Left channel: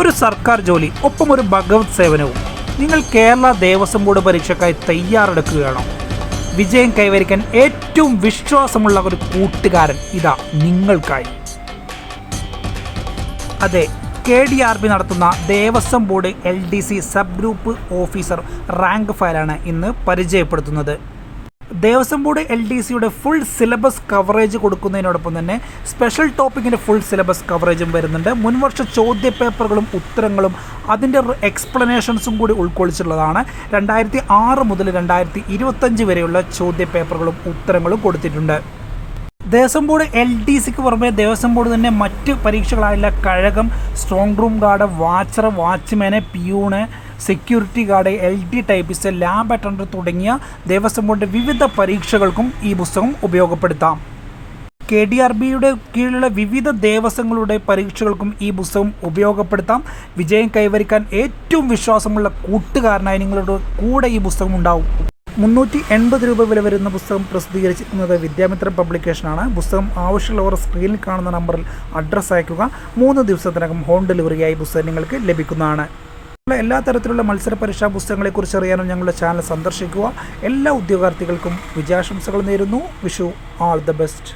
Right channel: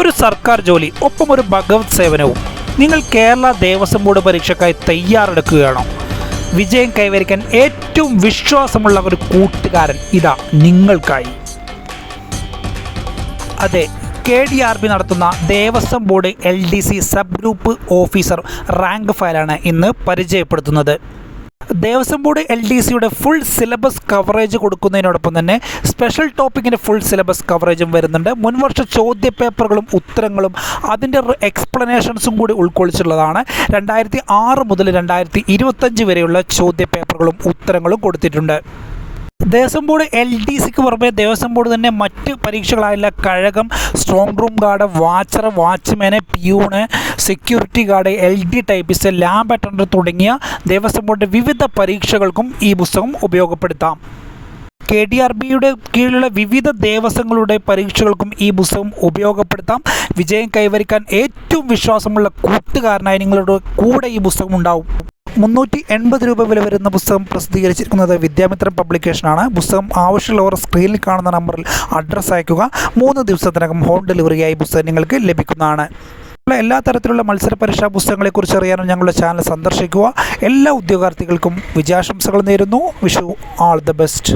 ഒരു സർക്കാർ ജോലി ഒപ്പം ഒരു ഭഗവത് സേവനവും. നിങ്ങൾ കേരള ദേവസ്വം ബോർഡ് പരീക്ഷയ്ക്കായി തയ്യാറെടുക്കുകയാണോ? വിജയം കൈവരിക്കാൻ ഏറ്റവും വിശ്വാസമുള്ള ഒരു കൂട്ടുകാരൻ ഇതാ നിങ്ങൾക്കായി. അതെ, KDRB നടത്തുന്ന Devaswom board LDC sub group officer rank ഫയലാണ് ഇന്ന് പരിചയപ്പെടുത്തുന്നത്. ദേവസ്വം ബോർഡ് LDCയുടെ ഫുൾ സിലബസ് കവറേജ് കൊടുക്കുന്നതിനോടൊപ്പം തന്നെ സ്പെഷ്യൽ ടോപ്പിക്കിൻ്റെ ഫുൾ സിലബസ് കവറേജും വരുന്നുണ്ട്. മുൻവർഷ ചോദ്യ പേപ്പറുകളും ഉത്തരങ്ങളും അതിൻ്റെ എക്സ്പ്ലനേഷൻസും കൂടി ഉൾക്കൊള്ളിച്ചുള്ളതാണ്. 2006 മുതൽ 2025 വരെയുള്ള ചോദ്യ പേപ്പറുകളും ഉത്തരങ്ങളും കൊടുത്തിട്ടുണ്ട്. ദേവസ്വം ബോർഡ് LDCക്ക് പുറമെ ദേവസ്വം ബോർഡ് തന്നെ മറ്റ് പരീക്ഷകളായുള്ള കഴകം, strong room guard, watcher, watchman, peon, security guard, LD typist, lab attender തുടങ്ങിയ ദേവസ്വം ബോർഡിൻ്റെ വിവിധ പരീക്ഷകൾക്കും ഈ പുസ്തകം ഉപയോഗപ്പെടുത്താം. KDRBയുടെ കീഴിലുള്ള വിവിധ ദേവസ്വങ്ങളുടെ പരീക്ഷകൾക്കും ഈ പുസ്തകം ഉപയോഗപ്പെടുത്താം. വിജയം കൈവരിക്കാൻ ഏറ്റവും വിശ്വാസമുള്ള കൂട്ടുകാരനായി നിങ്ങളുടെ കൂടെ ഈ പുസ്തകം ഉണ്ടാവും. 380 രൂപ വില വരുന്ന പുസ്തകം പ്രസിദ്ധീകരിച്ചിരിക്കുന്നത് വിദ്യാമിത്രം പബ്ലിക്കേഷനാണ്. പുസ്തകം ആവശ്യമുള്ളവർ സ്ക്രീനിൽ കാണുന്ന നമ്പറിൽ അഡ്രസ്സ് അയക്കുക. 3 ദിവസത്തിനകം ഹോം ഡെലിവറിയായി പുസ്തകം നിങ്ങൾക്ക് ലഭിക്കുന്നതാണ്. എല്ലാ തരത്തിലുള്ള മത്സര പരീക്ഷാ പുസ്തകങ്ങളെക്കുറിച്ച് അറിയാനും ഞങ്ങളുടെ ചാനൽ സന്ദർശിക്കുക. എല്ലാ ഉദ്യോഗാർത്ഥികൾക്കും വിജയാശംസകൾ നേരുന്നു. Wish you all the best.